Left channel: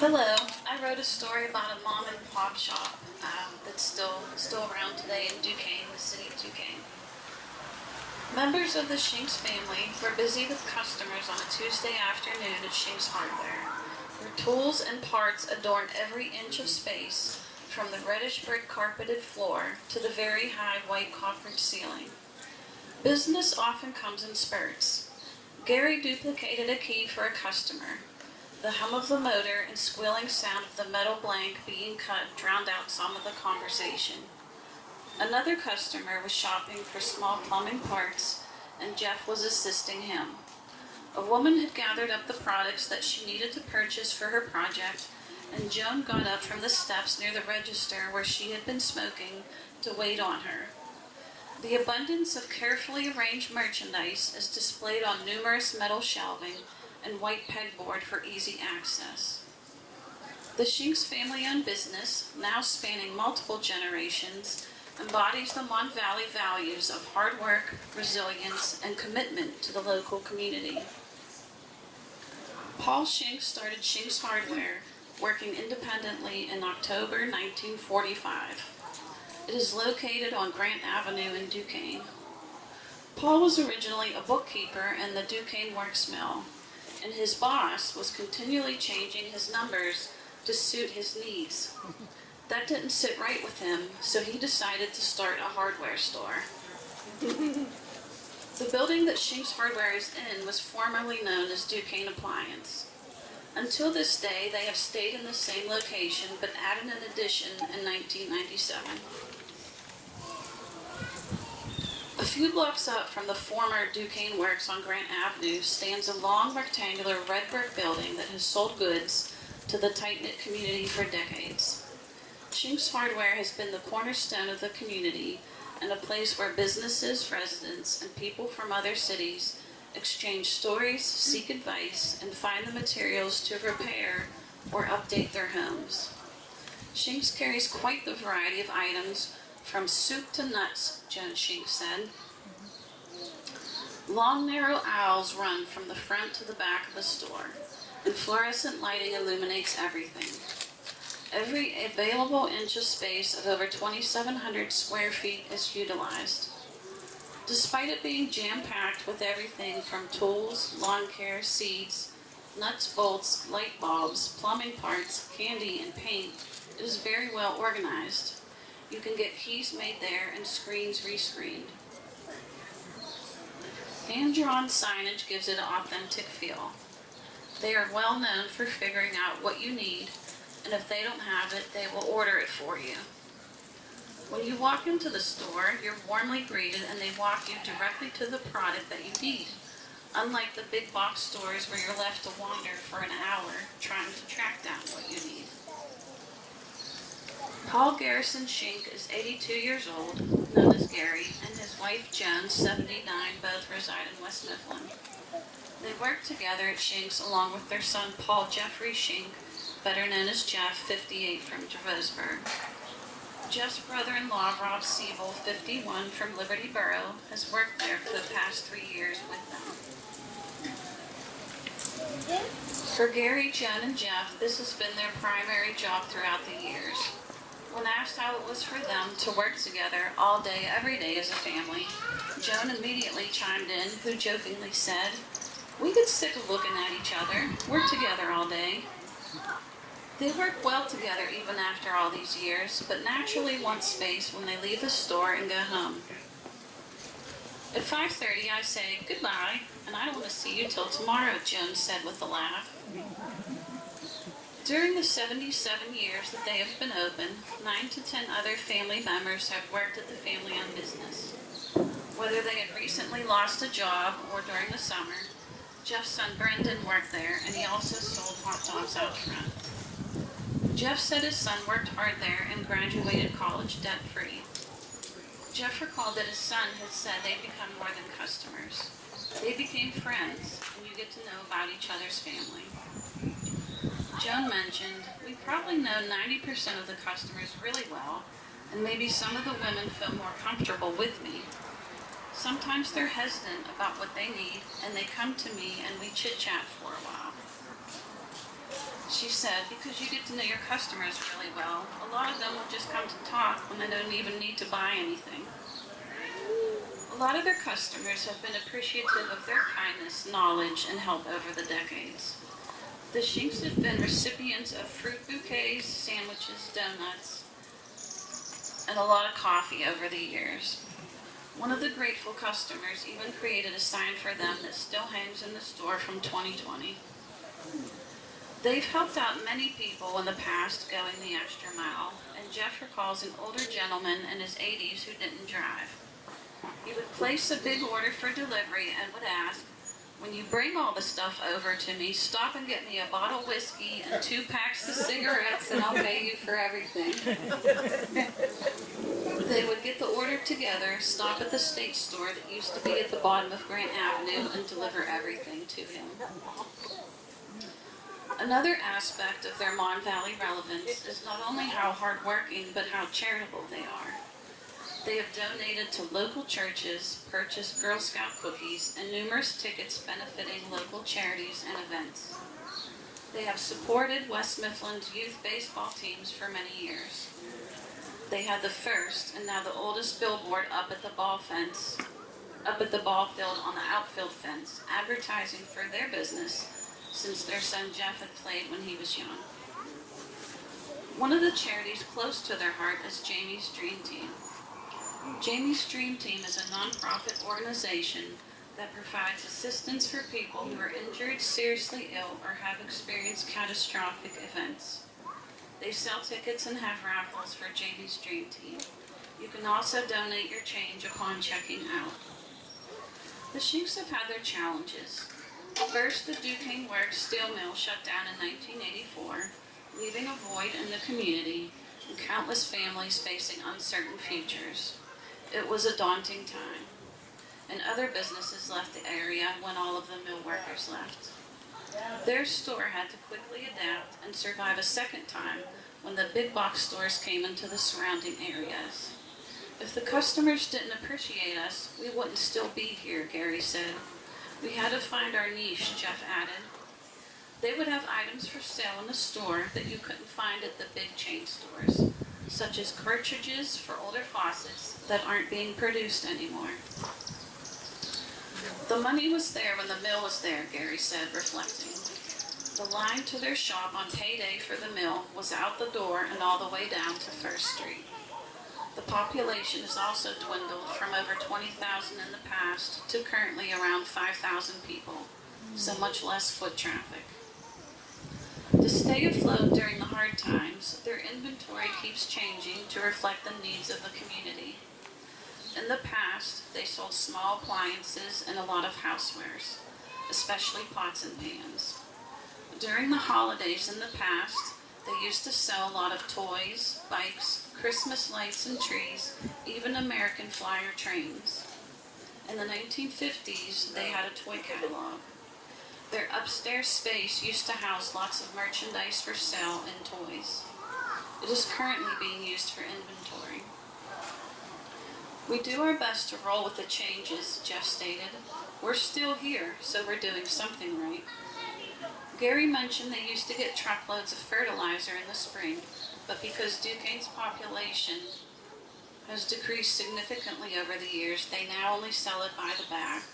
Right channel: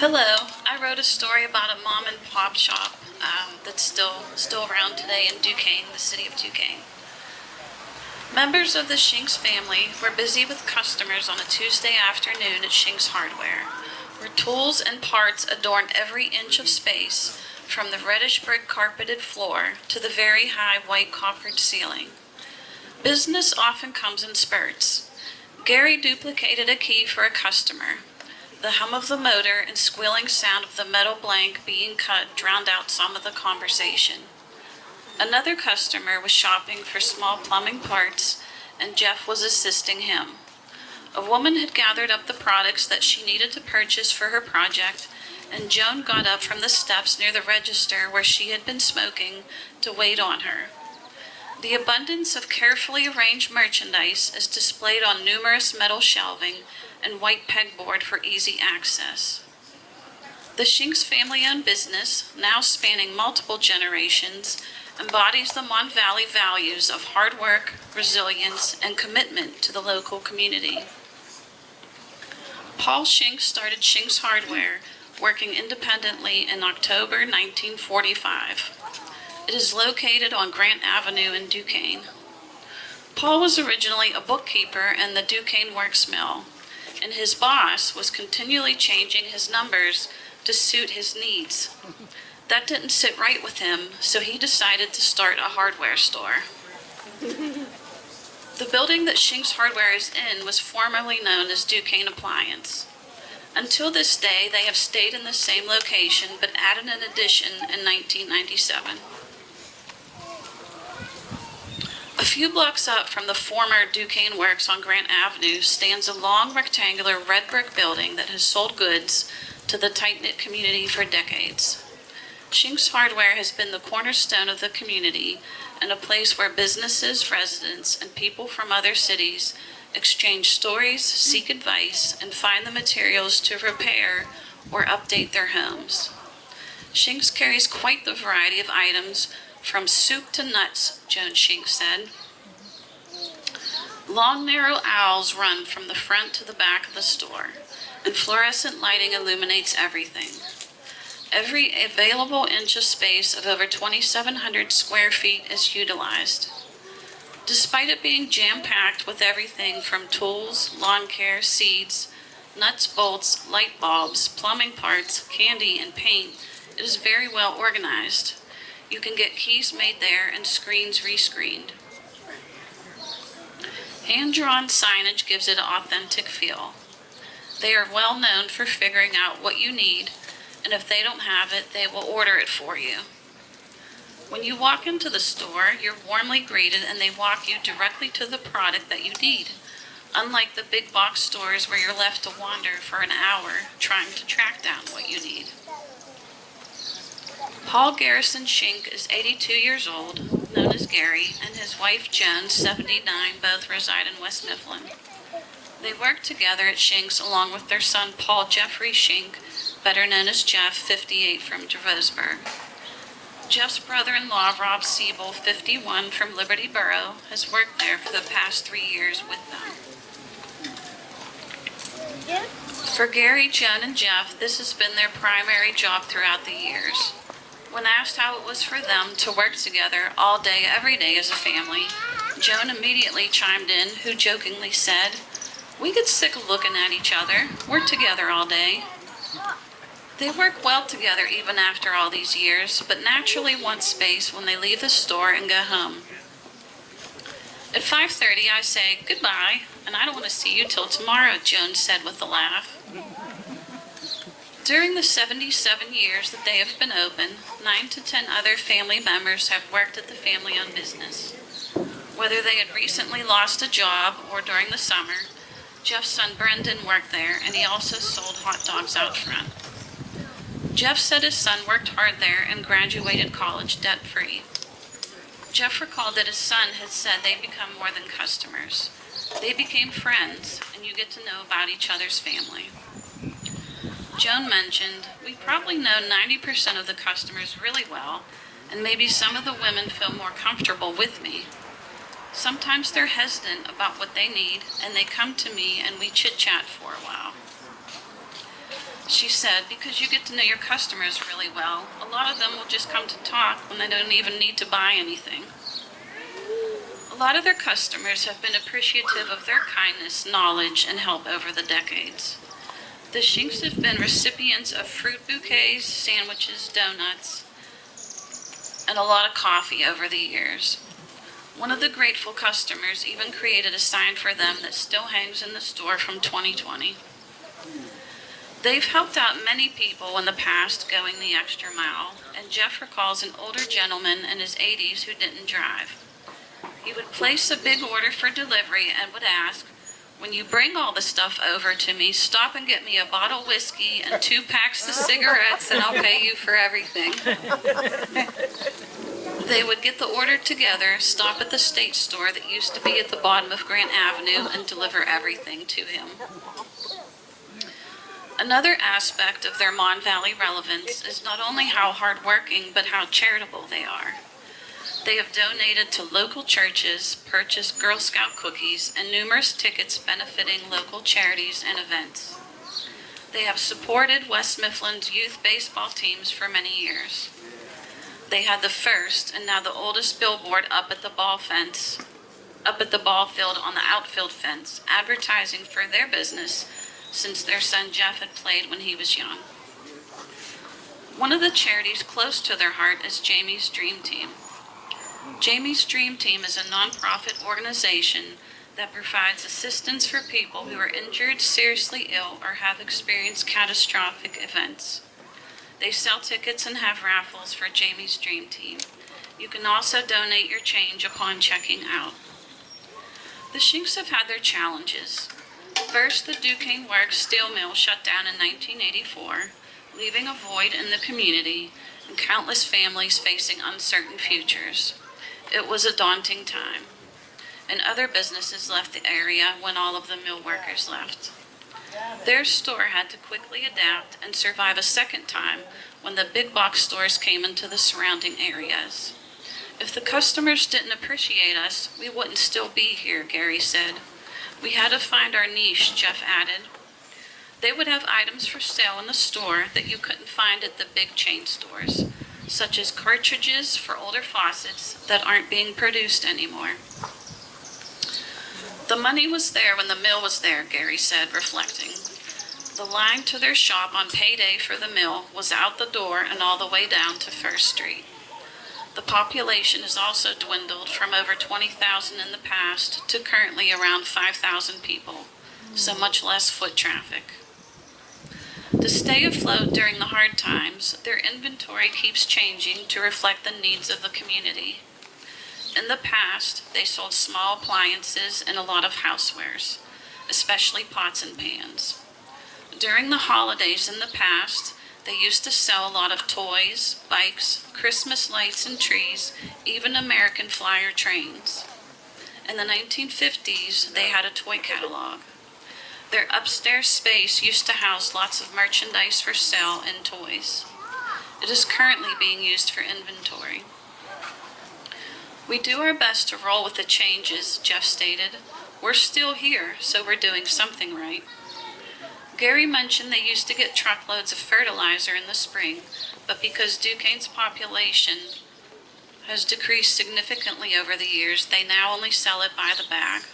Hello. I wrote a story about a mom and pop shop that's still around today in Duquesne, the city of Duquesne. Members of the Shinks family were busy with customers on a Tuesday afternoon at Shinks Hardware, where tools and parts adorn every inch of space, from the reddish brick carpeted floor to the very high white coppered ceiling. Business often comes in spurts. Gary duplicated a key for a customer. The hum of the motor and squealing sound of the metal blank being cut drowned out some of the conversation. Another customer was shopping for small plumbing parts, and Jeff was assisting him. A woman had gathered up the products that she needed to purchase for her project, and Joan got up from the steps near the register where she had been smoking to wait on her. The abundance of carefully arranged merchandise is displayed on numerous metal shelving and white pegboard for easy access. The Shinks family-owned business, now spanning multiple generations, embodies the Mon Valley values of hard work, resilience, and commitment to the local community. Paul Shinks started Shinks Hardware, working independently in October 1945. It is located on Grant Avenue in Duquesne. Paul was originally a bookkeeper in the Duquesne Works Mill, and his boss was continually changing his numbers to suit his needs. That didn't sit right with him, so he decided to start a hardware store. The building that Shinks Hardware is in was formerly known as Duquesne Appliance. Until this day, they have stayed in the same location, but added an addition in 1997. A few blocks up from the former Duquesne Works on Grant Avenue stands a long rectangular red brick building that has sold goods to the tight-knit community for decades. Shinks Hardware has been the cornerstone of the community and a place where businesses, residents, and people from other cities exchange stories, seek advice, and find the materials to repair or update their homes. Shinks carries quite the variety of items, from soup to nuts, Joan Shinks said. Long, narrow aisles run from the front to the back of the store, and fluorescent lighting illuminates everything. Every available inch of space of over 2,700 square feet is utilized. Despite it being jam-packed with everything from tools, lawn care, seeds, nuts, bolts, light bulbs, plumbing parts, candy, and paint, it is very well organized. You can get keys made there and screens rescreened. Hand-drawn signage gives it an authentic feel. They are well known for figuring out what you need, and if they don't have it, they will order it for you. When you walk into the store, you're warmly greeted and they walk you directly to the product that you need, unlike the big box stores where you're left to wander for an hour trying to track down what you need. Paul Garrison Shink is 82 years old, known as Gary, and his wife Joan, 79, both reside in West Mifflin. They work together at Shinks along with their son Paul Jeffrey Shink, better known as Jeff, 58, from Javosburg. Jeff's brother-in-law, Rob Siebel, 51, from Liberty Borough, has worked there for the past 3 years with them. For Gary, Joan, and Jeff, this has been their primary job throughout the years. When asked how it was for them to work together all day, every day as a family, Joan immediately chimed in, who jokingly said, "We get sick of looking at each other. We're together all day." They work well together even after all these years, but naturally want space when they leave the store and go home. At 5:30, I say, "Goodbye, and I don't want to see you till tomorrow," Joan said with a laugh. During the 77 years that they have been open, 9 to 10 other family members have worked at the family-owned business. Whether they had recently lost a job or during the summer, Jeff's son Brendan worked there, and he also sold hot dogs out front. Jeff said his son worked hard there and graduated college debt-free. Jeff recalled that his son had said they become more than customers. They became friends, and you get to know about each other's family. Joan mentioned, "We probably know 90% of the customers really well, and maybe some of the women feel more comfortable with me. Sometimes they're hesitant about what they need, and they come to me and we chit-chat for a while." She said, because you get to know your customers really well. A lot of them will just come to talk when they don't even need to buy anything. A lot of their customers have been appreciative of their kindness, knowledge, and help over the decades. The Shinks have been recipients of fruit bouquets, sandwiches, donuts, and a lot of coffee over the years. One of the grateful customers even created a sign for them that still hangs in the store from 2020. They've helped out many people in the past going the extra mile, and Jeff recalls an older gentleman in his 80s who didn't drive. He would place a big order for delivery and would ask, "When you bring all the stuff over to me, stop and get me a bottle of whiskey and 2 packs of cigarettes and I'll pay you for everything." They would get the order together, stop at the state store that used to be at the bottom of Grant Avenue, and deliver everything to him. Another aspect of their Mon Valley relevance is not only how hardworking, but how charitable they are. They have donated to local churches, purchased Girl Scout cookies, and numerous tickets benefiting local charities and events. They have supported West Mifflin's youth baseball teams for many years. They had the first and now the oldest billboard up at the ball field on the outfield fence, advertising for their business since their son Jeff had played when he was young. One of the charities close to their heart is Jamie's Dream Team. Jamie's Dream Team is a nonprofit organization that provides assistance for people who are injured, seriously ill, or have experienced catastrophic events. They sell tickets and have raffles for Jamie's Dream Team. You can also donate your change upon checking out. The Shinks have had their challenges. First, the Duquesne Works steel mill shut down in 1984, leaving a void in the community and countless families facing uncertain futures. It was a daunting time, and other businesses left the area when all of the mill workers left. Their store had to quickly adapt and survive a second time when the big box stores came into the surrounding areas. "If the customers didn't appreciate us, we wouldn't still be here," Gary said. "We had to find our niche," Jeff added. They would have items for sale in the store that you couldn't find at the big chain stores, such as cartridges for older faucets that aren't being produced anymore. "The money was there when the mill was there," Gary said, reflecting. "The line to their shop on payday for the mill was out the door and all the way down to First Street. The population has also dwindled from over 20,000 in the past to currently around 5,000 people, so much less foot traffic. To stay afloat during the hard times, their inventory keeps changing to reflect the needs of the community. In the past, they sold small appliances and a lot of housewares, especially pots and pans. During the holidays in the past, they used to sell a lot of toys, bikes, Christmas lights and trees, even American Flyer trains. In the 1950s, they had a toy catalog. Their upstairs space used to house lots of merchandise for sale and toys. It is currently being used for inventory. "We do our best to roll with the changes," Jeff stated. "We're still here, so we're doing something right." Gary mentioned they used to get truckloads of fertilizer in the spring, but because Duquesne's population has decreased significantly over the years, they now only sell it by the bag.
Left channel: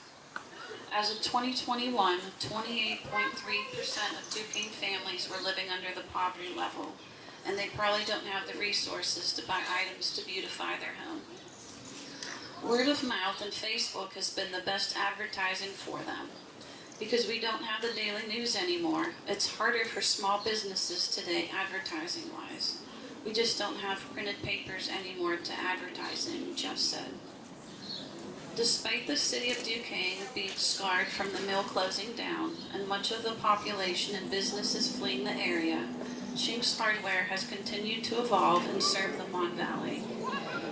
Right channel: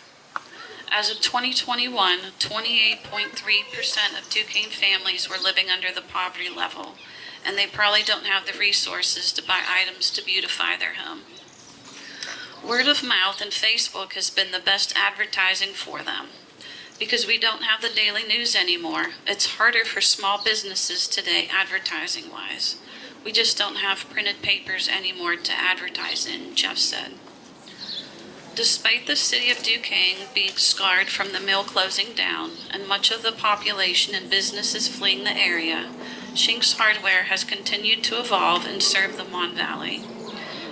As of 2021, 28.3% of Duquesne families were living under the poverty level, and they probably don't have the resources to buy items to beautify their home. Word of mouth and Facebook has been the best advertising for them. Because we don't have the daily news anymore, it's harder for small businesses today advertising-wise. We just don't have printed papers anymore to advertise in, Jeff said. Despite the city of Duquesne being scarred from the mill closing down and much of the population and businesses fleeing the area, Shinks Hardware has continued to evolve and serve the Mon Valley.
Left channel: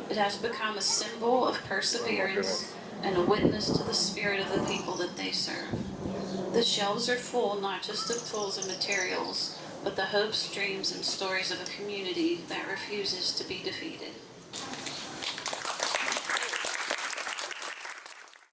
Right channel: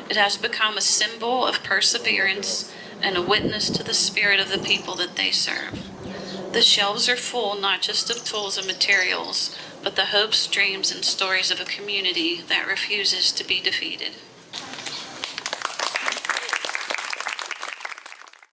It has become a symbol of perseverance and a witness to the spirit of the people that they serve. The shelves are full not just of tools and materials, but the hopes, dreams, and stories of a community that refuses to be defeated.